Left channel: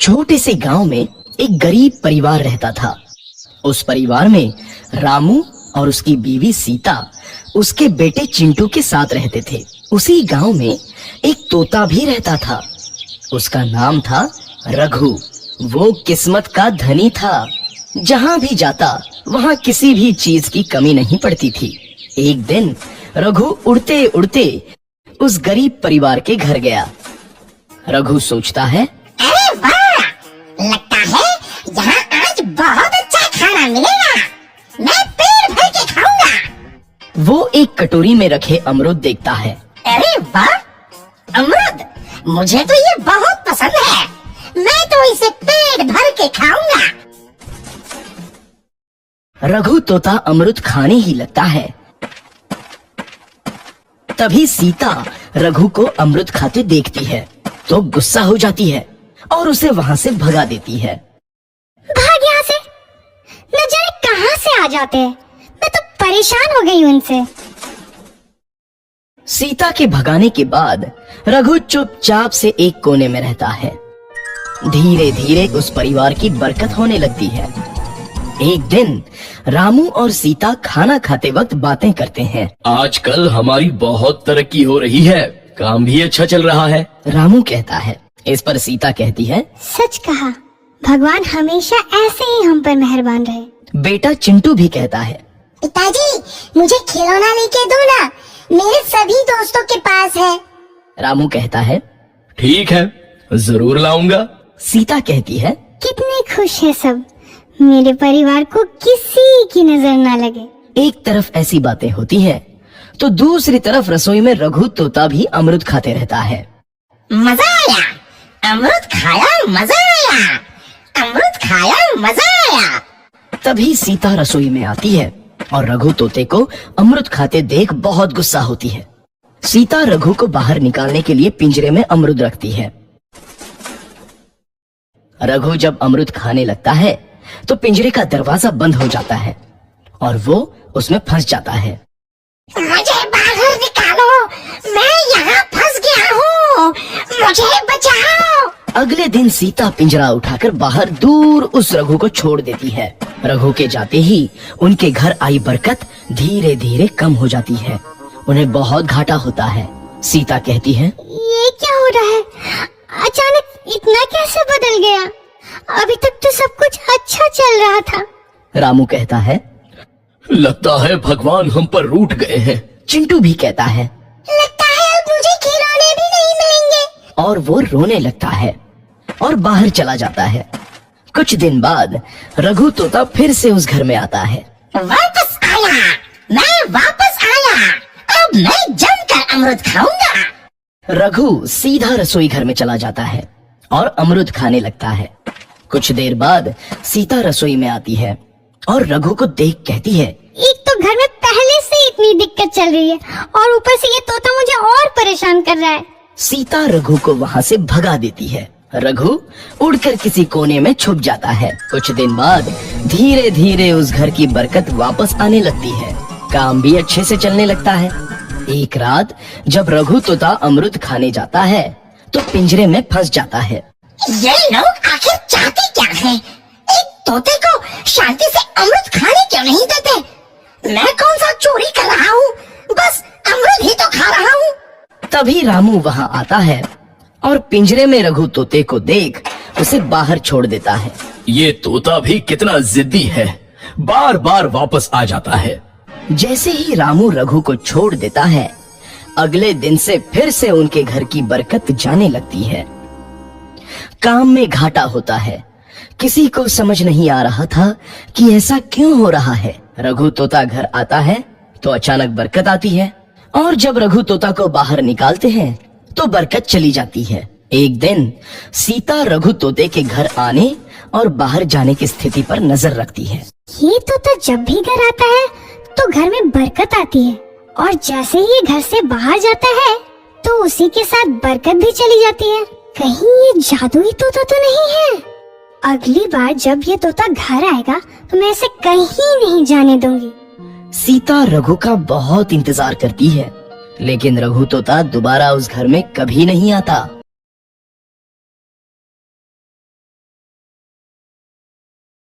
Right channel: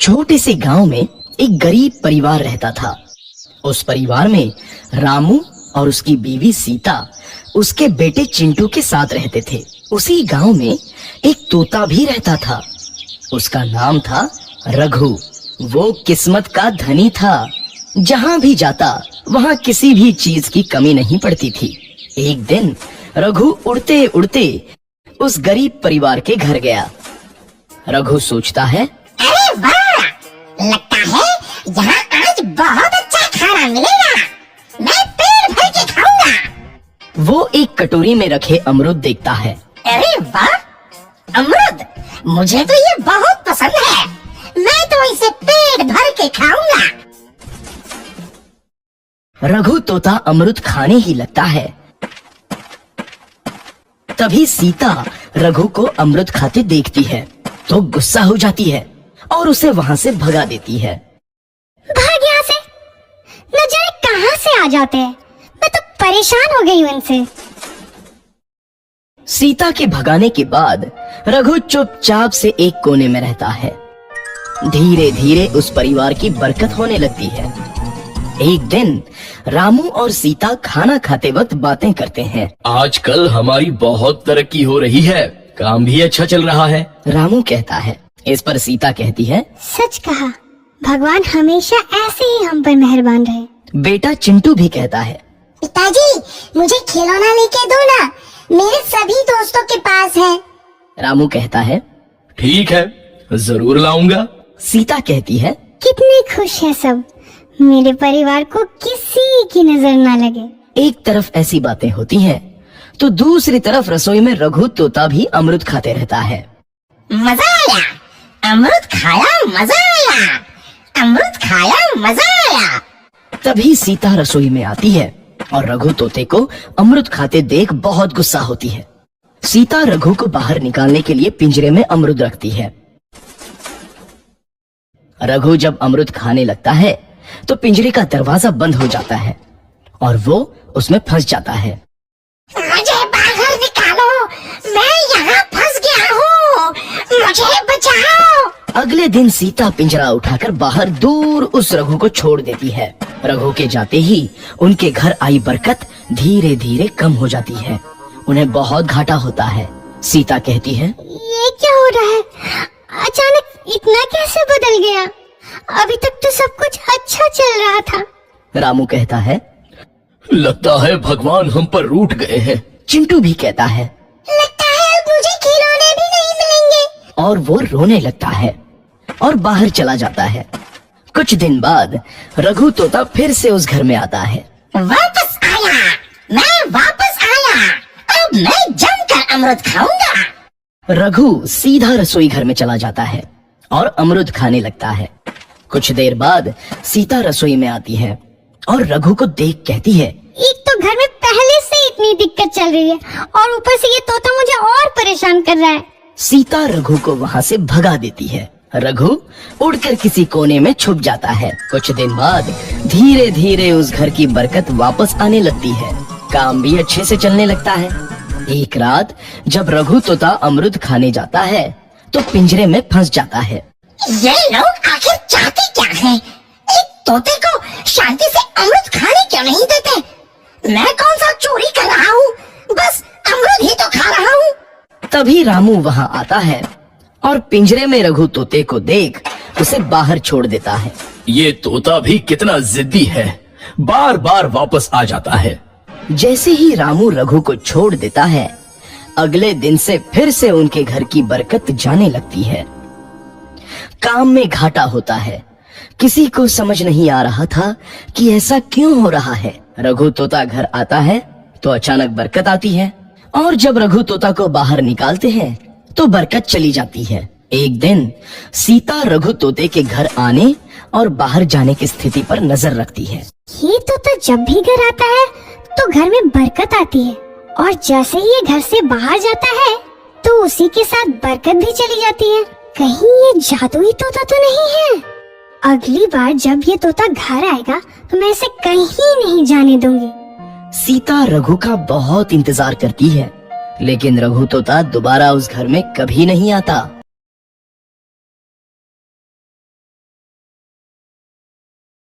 छोटे से गांव में एक गरीब परिवार रहता था। उस परिवार में रामू और उसकी बीवी सीता उसके बेटे चिंटू के साथ रहते थे। उसी गांव में एक तोता भी रहता था। उसका नाम था रघु। वो किस्मत का धनी था। जहां भी जाता वहां किसी भी चीज की कमी नहीं पड़ती थी। एक दिन रघु उड़ते उड़ते उस गरीब परिवार के घर गया। रघु सोचता है, अरे वाह, लगता है यहाँ आज बहुत अच्छा खाना मिलेगा। मैं पेट भर के खाऊंगा। वो एक कटोरी में रखे अमरूद देखता है। अरे वाह, अमरूद, मुझे तो ये बहुत पसंद है। मैं तो इसे पेट भर के खाऊंगा। रघु तोता अमरूद खाने ही लगता है। तभी सीता रघु को अमरूद खाते देखती है तो गुस्सा हो जाती है और उसे वहां से भगा देती है। भाग यहाँ से, न जाने कहाँ से आ जाते हैं। मैं तो परेशान हो गई हूँ इनसे। सीता के भगाने के बाद रघु चुपचाप से एक कोने में रहता है। धीरे धीरे उस परिवार की बरकत होने लगती है। एक दिन रामू और सीता खाना खाते वक्त बातें करते हैं। आजकल हमारी बहुत तरक्की हो रही है, काम भी अच्छा चल रहा है। रामू कहता है। इस पर सीता कहती है, सच कहा, भगवान हमेशा ऐसे ही हम पर मेहरबान रहे। बेटा चिंटू भी कहता है, पिताजी, मुझे खिलौना लेके दो ना, मेरे सभी दोस्तों के पास है। रामू कहता है, ठीक है, जरूर लाऊंगा। सीता कहती है, कितने खुश है सब, मेरे परिवार को किसी की नजर ना लगे। एक तरफ ऐसी बातें होती हैं, तो दूसरी तरफ रसोई में रघु तोता भी अमरूद खाते रहता है। मजा आया, अमरूद खाया, मजा आया, अमरूद खाया, मजा आया। तभी सीता रसोई में आती है और रघु तोते को अमरूद खाते देख बहुत गुस्सा होती है। सीता रघु को बाहर निकालने के लिए पिंजरे में अमरूद रखती है। रघु जब अमरूद खाने लगता है तो पिंजरे का दरवाजा बंद हो जाता है और वो उसमें फंस जाता है। मुझे बाहर निकालो, मैं यहाँ फंस गया हूँ, मुझे बचाओ। अगले दिन सीता पिंजरा उठाकर बाहर दूर उस रघु को छोड़ देती है। रघु के जाते ही उनके घर आई बरकत धीरे धीरे कम हो जाती है। उन्हें बहुत घाटा होता है। सीता कहती है, ये क्या हो रहा है, अचानक इतना कैसे बदल गया? अभी तक तो सब कुछ अच्छा चल रहा था। रामू कहता है, लगता है भगवान हम पर रूठ गए हैं। चिंटू भी कहता है, लगता है अब मुझे खिलौने भी नहीं मिलेंगे। और वो रोने लगता है और बाहर चला जाता है। कुछ दिन बाद रघु तोता फिर से उस घर में आता है। वापस आया, मैं वापस आया, अब मैं जमकर अमरूद खाऊंगा। रघु सीधा रसोई घर में चला जाता है और अमरूद खाने लगता है। कुछ देर बाद सीता रसोई में आती है और रघु को देख कहती है, एक तो घर में पहले से इतनी दिक्कत चल रही है और ऊपर से ये तोता मुझे और परेशान कर रहा है। सीता रघु को वहाँ से भगा देती है। रघु उड़कर किसी कोने में छुप जाता है। कुछ दिन बाद धीरे धीरे उस घर की बरकत वापस आने लगती है। काम भी अच्छे से चलने लगता है। एक रात जब रघु तोता अमरूद खाने जाता है तो पिंजरे में फंस जाता है। ये लोग आखिर चाहते क्या हैं? एक तोते को शांति से अमरूद खाने क्यों नहीं देते? मैं कौन सा चोरी कर रहा हूँ? बस अमरूद ही तो खा रहा हूँ। तभी रामू वहाँ आता है और पिंजरे में रघु तोते को देख उसे बाहर छोड़ देता है। ये तोता भी कितना जिद्दी है, बार बार वापस आ जाता है। जैसे ही रामू रघु को छोड़ देता है, अगले दिन से फिर से उनके घर की बरकत जाने लगती है। काम में घाटा होता है। किसी को समझ नहीं आ रहा था कि ऐसा क्यों हो रहा है। रघु तोता घर आता है तो अचानक बरकत आती है और जब रघु तोता को बाहर निकालते हैं तो बरकत चली जाती है। एक दिन सीता रघु तोते के घर आने और बाहर जाने की स्थिति पर नजर रखती है। ये तोता जब भी घर आता है तो घर में बरकत आती है और जैसे ही ये घर से बाहर जाता है तो उसी के साथ बरकत भी चली जाती है। कहीं ये जादुई तोता तो नहीं है? अगली बार जब ये तोता घर आएगा तो मैं इसे कहीं नहीं जाने दूंगी। सीता रघु का बहुत इंतजार करती है, लेकिन रघु तोता दोबारा उस घर में कभी नहीं आता।